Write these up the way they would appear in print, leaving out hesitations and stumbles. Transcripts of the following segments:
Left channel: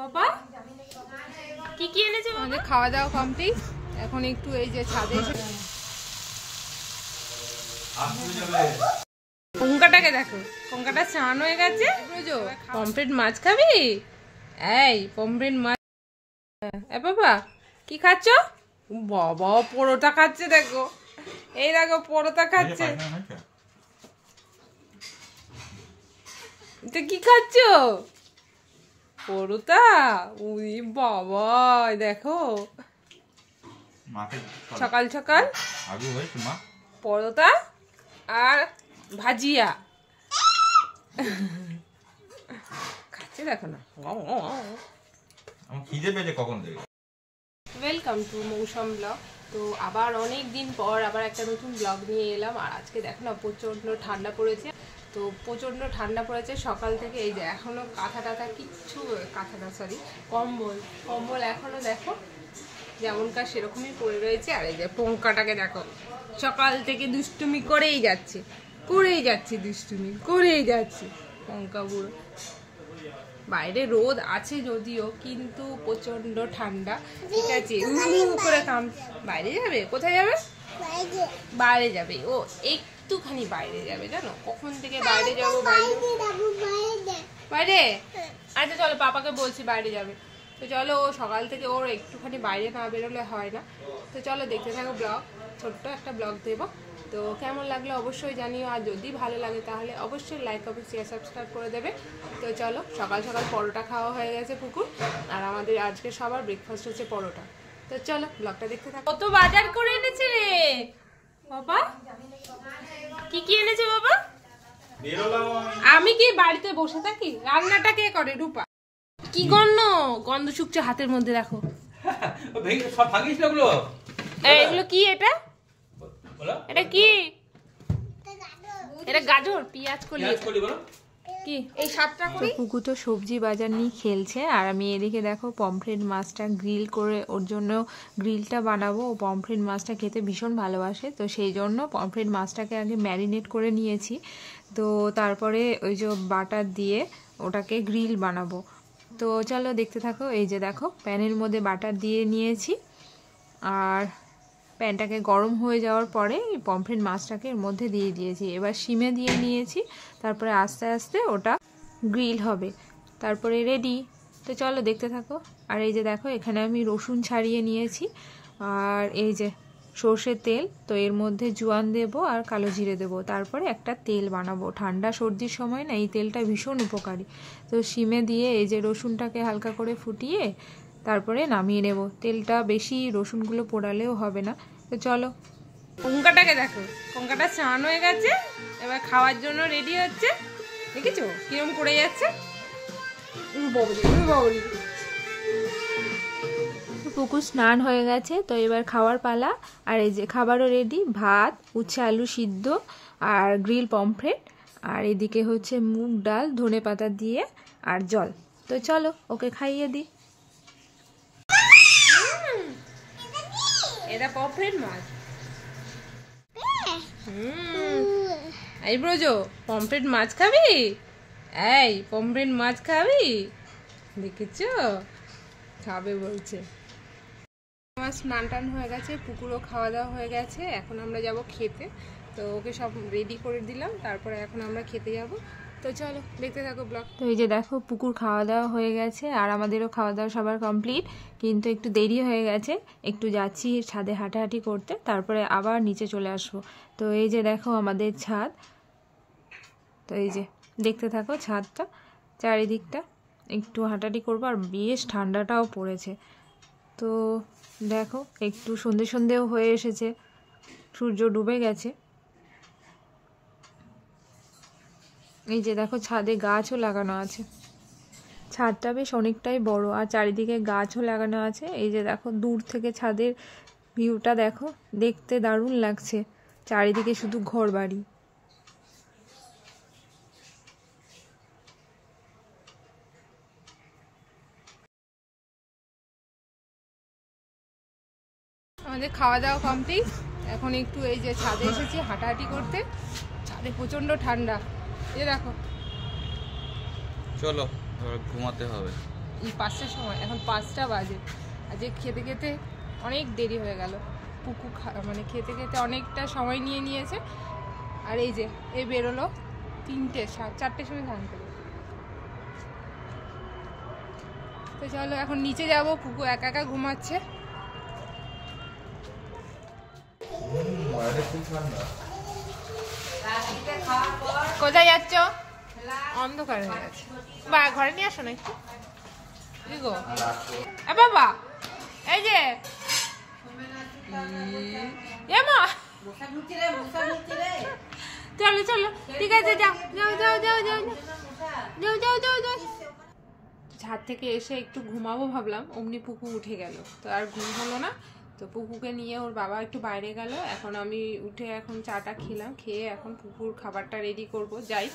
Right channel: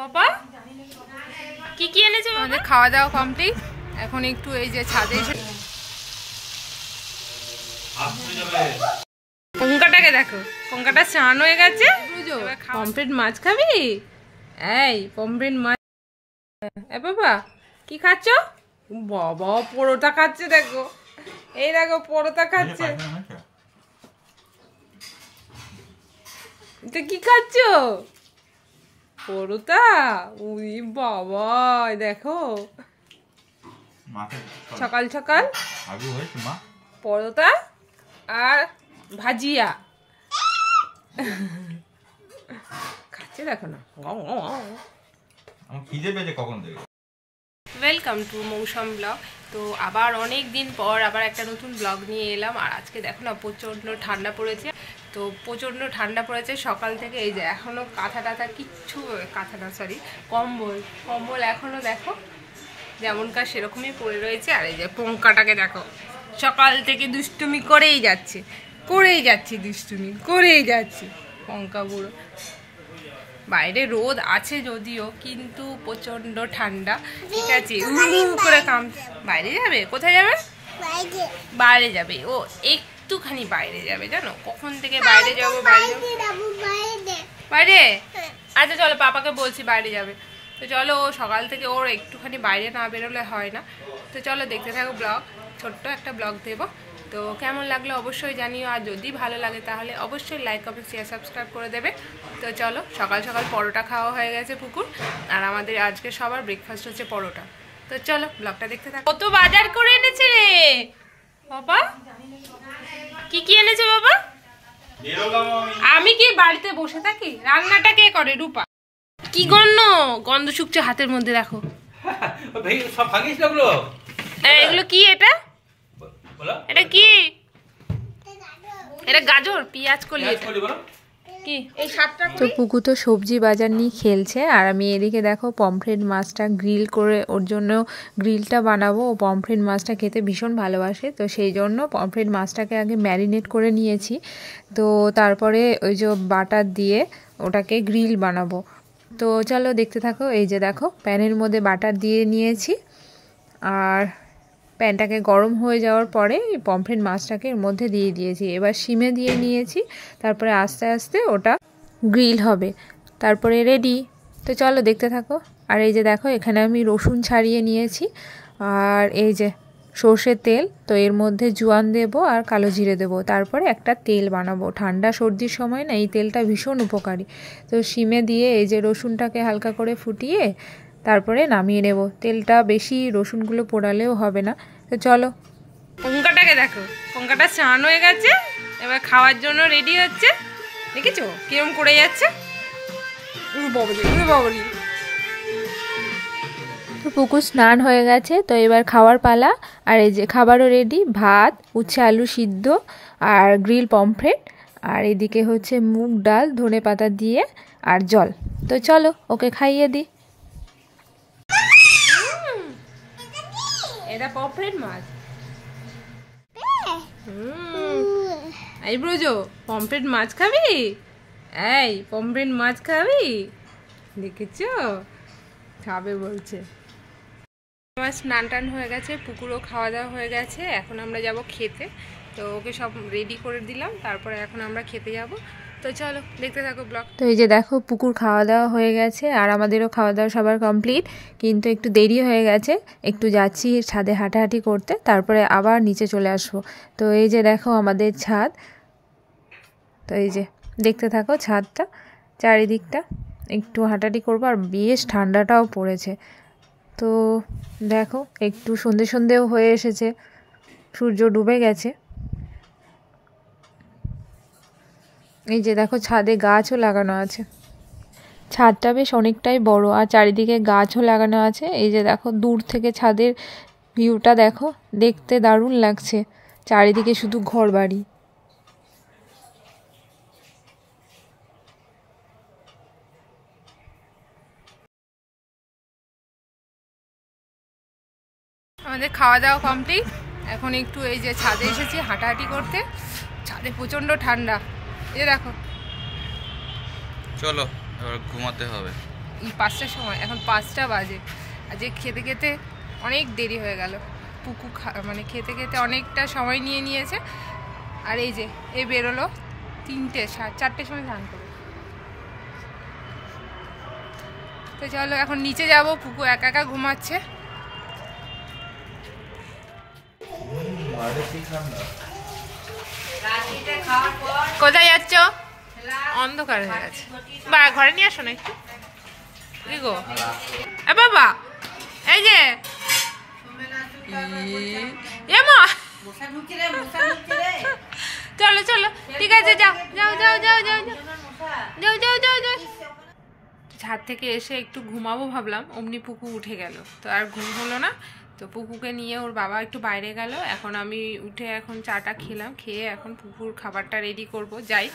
বাবা কি কি এনেছে? আমাদের খাওয়া দাওয়া কমপ্লিট। এখন একটু এই যে ছাদে এসে পঙ্কাটাকে দেখো, পঙ্কাটা স্নান হয়ে গেছে। পমফ্রেট মাছ খাবি? এই পমফ্রেট মাছ। এ বাবা কি খাচ্ছ? বাবা পরোটা খাচ্ছে, দেখো এই দেখো পরোটা খাচ্ছে। এটা কি খাচ্ছ? পরোটা? উই বাবা দেখো সকাল সকাল পরোটা আর ভাজিয়া খাচ্ছে, দেখো না। ওয়েলকাম টু মৌসুম ব্লগ। তো আবার অনেক দিন পর আবার একটা নতুন ব্লগ নিয়ে এলাম। আর আজকে দেখো না প্রচণ্ড ঠান্ডা পড়েছে। তো প্রচণ্ড ঠান্ডা পড়েছে সকাল থেকে। এই যে এখনও কাঁথা টাথা কিচ্ছু, কাঁথা না সরি কম্বল এখনও দেখো যেমনকার সেরকমই পড়ে রয়েছে। আর এই যে পঙ্কাটাকে দেখো সকাল থেকে দুষ্টুমি করেই যাচ্ছে দুষ্টুমি করেই যাচ্ছে পঙ্কা বুড়ো। বাইরে রোদ আছে যদিও, কিন্তু প্রচন্ড ঠান্ডা। ঠিক আছে করে কাম বাইরে যাবে। কোথায় যাবে? বাইরে যাবে। ও একটুখানি বাইরে যাবে, জানো কখন থেকে বাইরে যাবো বাইরে। আচ্ছা চলো, পাপাকে বলছি বাইরে যাবে। তো চলো, ও সকাল থেকে ওর একটুখানি বাইরে না বেরোলে হয় না। তো চলো দেখতে থাকো ব্লগ, ছোট্ট একটা ব্লগ দেবো। তো কেমন লাগলো অবশ্যই জানিও। আর যদি ভালো লাগে তাহলে অবশ্যই লাইক কমেন্ট শেয়ার সাবস্ক্রাইব করে দেবে। তো চলো, সকাল সকাল পরোটা খাওয়া হয়ে গেছে পুকুর। আর আমাদের আজকে সবার ব্রেকফাস্ট হচ্ছে পরোটা। তো চলো ব্লগটা দেখতে থাকো। কত বাজার করে এনেছে রে বাবা? কি কি এনেছে বাবা? আমি কি বাড়িতে বসে থাকি? রান্নাটা কে করে? রূপা। কি গন্ধ শুকছে হাতের মধ্যে, দেখো এগুলো কি? এটা কি? এটা গাজর, পেঁয়াজ কলি। কি এই সাতটা? তো পুকু তো সবজি বাজার নিয়ে খেলছে, আর আমি এদিকে দেখো পমফ্রেট মাছটা গ্রিল করে ওর জন্য গ্রিলটা বানাবো। ও পমফ্রেট মাছটা খেতে ভীষণ ভালোবাসে, তো সেই জন্য পমফ্রেট মাছটাকে আগে ম্যারিনেট করে নিয়েছি। তো তারপরে ওই যে বাটার দিয়ে ওটাকে গ্রিল বানাবো। তো চলো দেখতে থাকো। এই যে দেখো প্যানের মধ্যে বাটার দিয়ে নিয়েছি, আর প্যানটাকে গরম হয়ে যাওয়ার পরে পমফ্রেট মাছটাকে এর মধ্যে দিয়ে দিয়েছি। এবার সিমে দিয়ে নিয়েছি, তারপরে আস্তে আস্তে ওটা গ্রিল হবে, তারপরে রেডি। তো চলো দেখতে থাকো। আর এই যে দেখো এখানে আমি রসুন ছাড়িয়ে নিয়েছি, আর এই যে সর্ষের তেল। তো এর মধ্যে জোয়ান দেবো আর কালো জিরে দেবো, তারপরে একটা তেল বানাবো। ঠান্ডা সর্দির সময় না এই তেলটা ভীষণ উপকারী। তো সিমে দিয়ে এই যে রসুনটাকে হালকা করে ফুটিয়ে তারপরে নামিয়ে নেব। তেলটা বেশি রসুনগুলো পোড়ালেও হবে না। তো চলো, পঙ্কাটাকে দেখো, পঙ্কাটা স্নান হয়ে গেছে, এবার খাওয়ার জন্য রেডি হচ্ছে। দেখেছো কিরম করে যাচ্ছে? তো পুকুর স্নান হয়ে গেছে, তো এবার খাওয়ার পালা। আর এই যে খাবারও রেডি, ভাত, উচ্ছে আলু সিদ্ধ আর গ্রিল পমফ্রেট, আর এদিকে হচ্ছে মুগ ডাল ধনে পাতা দিয়ে আর জল। তো চলো ওকে খাইয়ে দিই। এটা পমফ্রেট মাছ। এই ব্রজো পমফ্রেট মাছ খাবি? এই পমফ্রেট মাছ খাবি? দেখেছো খাবে বলছে। আমার স্নান টান হয়ে গেছে, পুকুরও খাওয়া দাওয়া হয়ে গেছে। এখন আমরা যাব খেতে। তো ওকে সব রেডি করে দিলাম, তারপরে এখন আমরা খেতে যাব। তো চলো দেখতে থাকো ব্লগ। তো এই যে দেখো পুকুর খাওয়া দাওয়া হয়ে গেছে, আর আমাদেরও খাওয়া দাওয়া সবার কমপ্লিট, কিন্তু একটু দেরি হয়ে গেছে। একটু যাচ্ছি ছাদে হাঁটাহাঁটি করতে, তারপরে আবার নিচে চলে আসবো। তো এই যে দেখো আমাদের ছাদ। তো এই যে দেখতে থাকো ছাদটা, চারিদিকটা একটু হাঁটাহাঁটি করবো। আর বেশ ঠান্ডাটাও পড়েছে। তো দেখো একটু সন্ধেও হয়ে এসেছে, সূর্য ডুবে গেছে। এই যে দেখো ছাদে গাছও লাগানো আছে। ছাদটা বেশ অনেকটাই বড়, আর চারিদিকে গাছও লাগানো আছে। এই যে দেখো দূর থেকে ছাদের ভিউটা দেখো, দেখতে দারুণ লাগছে। চারিদিকে শুধু ঘর বাড়ি। আমাদের খাওয়া দাওয়া কমপ্লিট। এখন একটু এই যে ছাদে এসেছি হাঁটাহাঁটি করতে। ছাদে প্রচন্ড ঠান্ডা। এই দেখো, চলো এবার ঘুমাতে হবে। 5টার সময়, এখন 5টা বাজে। আজকে খেতে খেতে অনেক দেরি হয়ে গেল। পুকু মানে খেতে খেতে অনেকটা সময় নিয়ে নিয়েছে। আর এই যে এ বেরোলো 4টের সময় স্নান করে। তো চলো এখন নিচে যাব, পুকু একা একা ঘুমাচ্ছে। কোথায় যাচ্ছ? অন্ধকার হয়ে গেছে, বা ঘরে নিয়ে আসো না একটু। কি গো বাবা, এই যে চলো চলো, ঠিক আছে, যাও যাও যাও যাও যাও যাও যাও যাও যাও। ছাদ থেকে এসে একটু ঘুমাবো ভাবলাম, অমনি পুকু উঠে গেল, তো আর ঘুম হলো না। তো পুকুকে নিয়ে ওর বাবা একটু বাইরে গেল। এখন আমি উঠে এখন চাটা খেলাম, খেয়ে এখন পুকুর খাবারটা রেডি করব, যাই।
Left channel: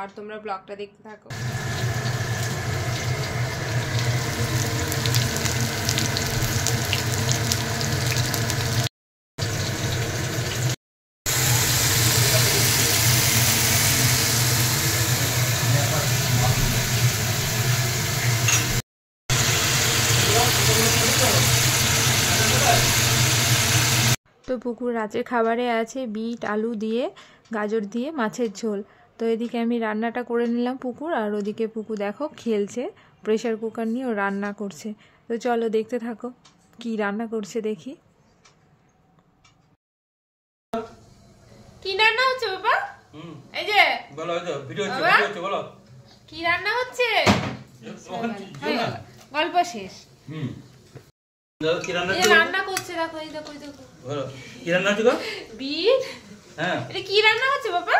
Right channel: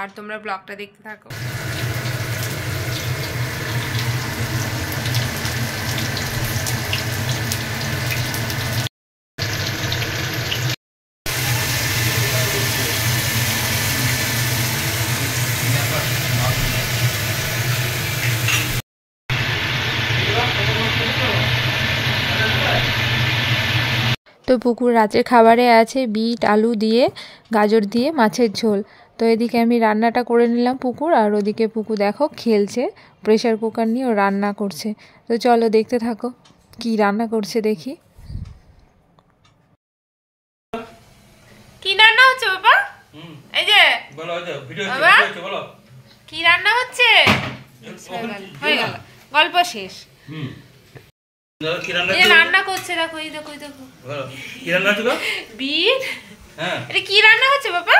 আর তোমরা ব্লগটা দেখতে থাকো। তো পুকুর রাতের খাবারে আছে বিট আলু দিয়ে গাজর দিয়ে মাছের ঝোল। তো এদিকে আমি রান্নাটা করে নিলাম পুকুর, আর ওদিকে পুকু দেখো খেলছে, প্রেশার কুকার নিয়ে ও রান্না করছে। তো চলো দেখতে থাকো কি রান্না করছে দেখি। কি রান্না হচ্ছে বাবা? এই যে বলো, এই তো ভিডিও হচ্ছে, বলো কি রান্না হচ্ছে। হয়ে গেল, গল্প শেষ। রান্না করছে দেখো, এই দেখো, দেখো কি রান্না হচ্ছে গো? বিট। হ্যাঁ, এটা কি রান্না হচ্ছে বাবা?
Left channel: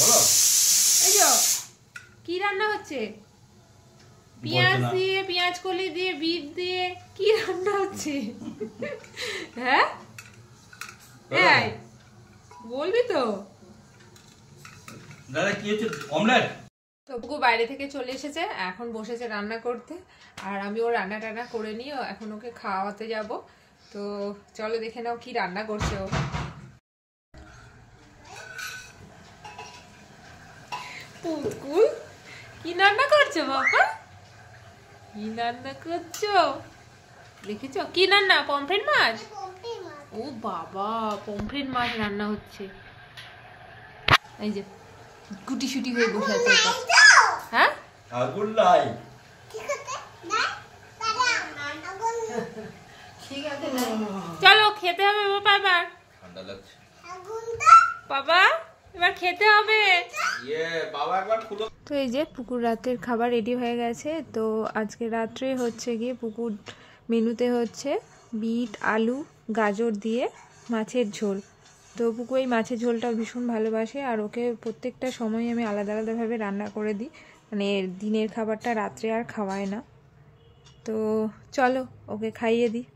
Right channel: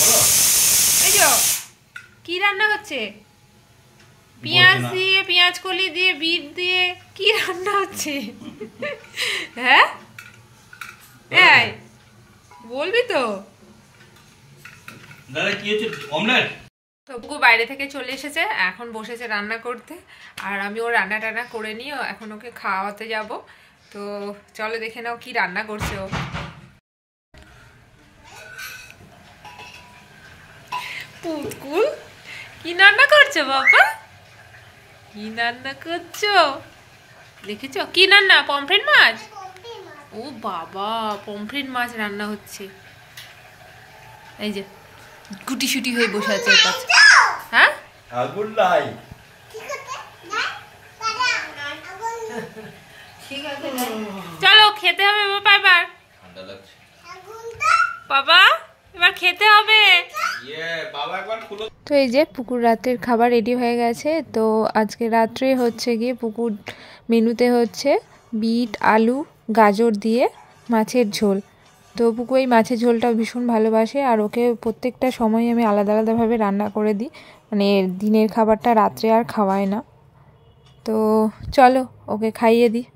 বলো। এই যে কি রান্না হচ্ছে? পেঁয়াজ দিয়ে, পেঁয়াজ কলি দিয়ে, বিট দিয়ে কি রান্না হচ্ছে? হ্যাঁ এই বলবি তো? দাদা কি হচ্ছে? অমলেট। তো পুকু বাইরে থেকে চলে এসেছে, এখন বসেছে রান্না করতে। আর আমি ও রান্না টান্না করে নিয়ে এখন ওকে খাওয়াতে যাব। তো চলো দেখে নাও কি রান্না করছে ও। পুকু কি রান্না করছো বাবা? কি রান্না করছো দেখেছো? কি রান্না? পমফ্রেট মাছ। ও বাবা, পমফ্রেট মাছ রান্না হচ্ছে। এই যে গুটি শুটি হয়ে বসে আছে ওর পাশে। হ্যাঁ, আগুন নাই। চলো খেতে হবে বাবা, এবার ঠান্ডা লাগছে বাবা, এবার খেতে হবে। তো এই যে পুকুর রাতের খাবার রেডি হয়ে গেছে। তো আজকে রাত্রে হচ্ছে গিয়ে পুকুর মেনুতে হচ্ছে বিট আলু গাজর দিয়ে মাছের ঝোল। তো পুকু এই মাছের ঝোলটা ভীষণ ভালোবাসে, আর ওকে প্রত্যেকটা সময় আমি আলাদা আলাদাভাবে রান্না করে দিই, মানে দিনের খাবারটা রাত্রে আর খাওয়াই না। তো চলো ওকে খাইয়ে দিই।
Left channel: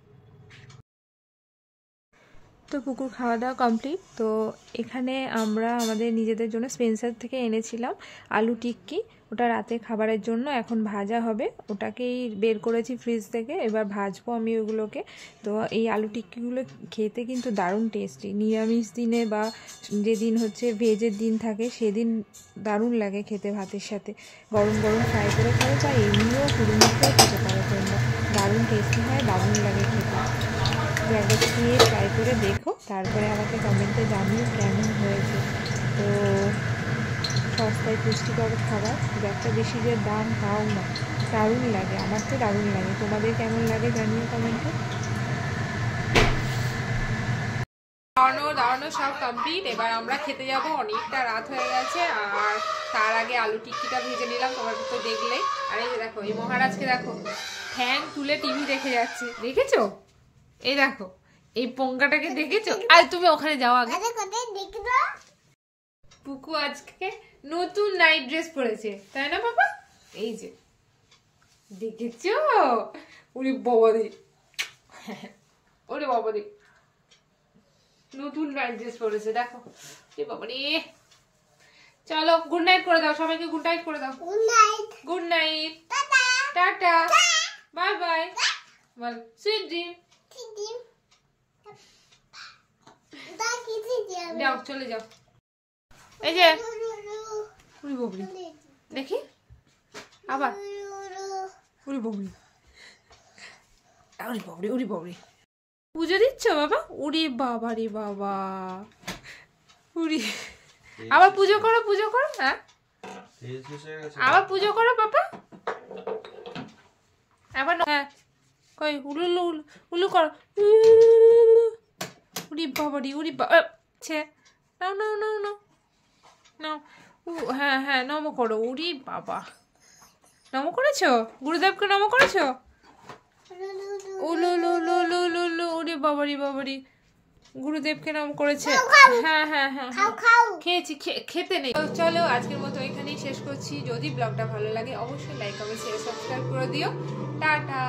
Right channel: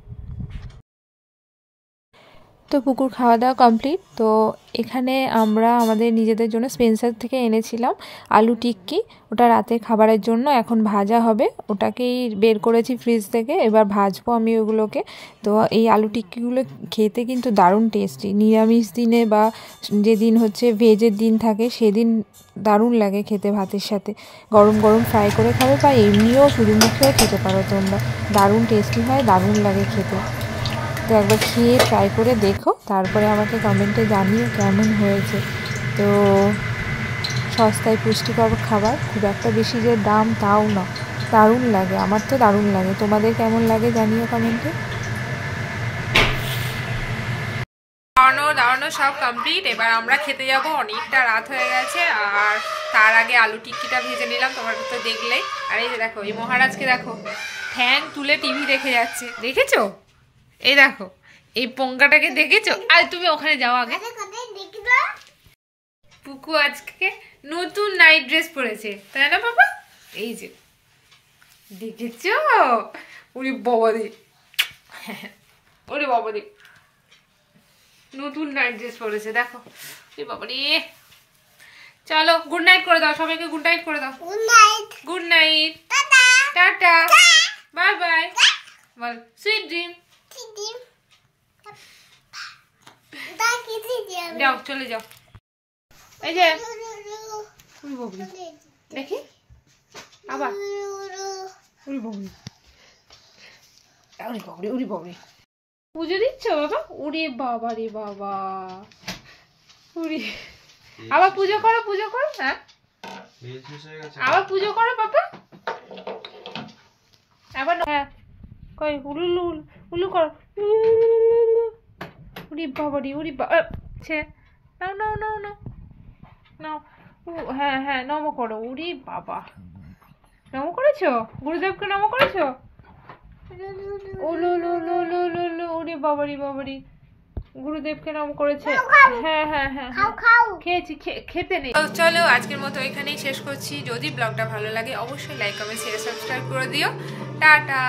তো পুকুর খাওয়া দাওয়া কমপ্লিট। তো এখানে আমরা আমাদের নিজেদের জন্য স্পেন্সার থেকে এনেছিলাম আলু টিক্কি, ওটা রাতের খাবারের জন্য এখন ভাজা হবে, ওটাকেই বের করেছি ফ্রিজ থেকে, এবার ভাজবো আমি ওগুলোকে। তো এই আলু টিক্কিগুলো খেতে কিন্তু দারুণ টেস্টি, নিরামিষ দিনে বা যেদিন হচ্ছে ভেজের দিন থাকে সেদিন দারুণ লাগে খেতে, ভাতের সাথে গরম গরম ফ্রাই করে খাবে, বা এমনিও শুধু মুখেও খেতে পারো তোমরা, দারুণ টেস্টি হয়, দারুণ লাগে খেতে। তো একবার খেয়ে ট্রাই করে দেখো, তারপরে আমাকে কমেন্টে জানিও কেমন হয়েছে। তো সস্তায় পুষ্টিকর খাবার, খুব একটা বেশি যে দাম তাও না, দারুণ লাগে, আমার তো দারুণ লাগে। তোমাদের কেমন লাগে জানিও কমেন্টে। দাঁড়ানো সব কমপ্লিট, এবার আমরা খেতে যাব, অনেকটা রাত হয়ে গেছে। আর তার আগে আলু টিক্কিটা ভেজে নিলাম, তোমরা তো দেখলেই। আর এই যে দেখো এই মহারাজকে দেখো ফ্যান তুলে টিভি দেখে যাচ্ছে, দেখেছো? এই দেখো এই পঙ্কাটাকে দেখেছো? আর তুমি ওখানে যাও আগে। পুকু আজকে নতুন নাইট ড্রেস পরেছে, তাই না বাবা? এই যে দেখেছো? ওরে বাবা দি, ওরে বাবা দি, নতুন নাইট ড্রেস পরেছে দেখো। ওরে বাবা রে, চলো গুড নাইট করে দাও সবাইকে, গুড নাইট করে দাও। Good night, good night, tata tata, bye bye, বল সুইট ড্রিম। যাও চলে যাও। এই যে দেখি আবার উরি বাবরি, উরি বাবরি, উরি বাবরি। পুজো দিচ্ছ বাবা? উরি বাবা রে বাবা, উরি। আবার পুজো করো, পুজো করো। হ্যাঁ আবার পুজো করো পাপা, আবার। হ্যাঁ কই উলু উলু উলু করো। উরি বাবা রে, উরি বাবা। নাও নাও নাও নাও নাও। হ্যাঁ হ্যাঁ নমো করো। উরি বাবা, নমো করেছো? গুরুদেবকে নমো করেছো? উলু উলু উলু উলু উলু উলু। উরি বাবারি বাবারি, গুরুদেবকে নাম করেছে। হ্যাঁ হ্যাঁ হ্যাঁ খেয়েছি, খেতে নেই। চলো আজকের মতো এখানেই শেষ করছি। যদি ব্লগটা ভালো লাগে অবশ্যই লাইক কমেন্ট শেয়ার সাবস্ক্রাইব করে দিও। টাটা।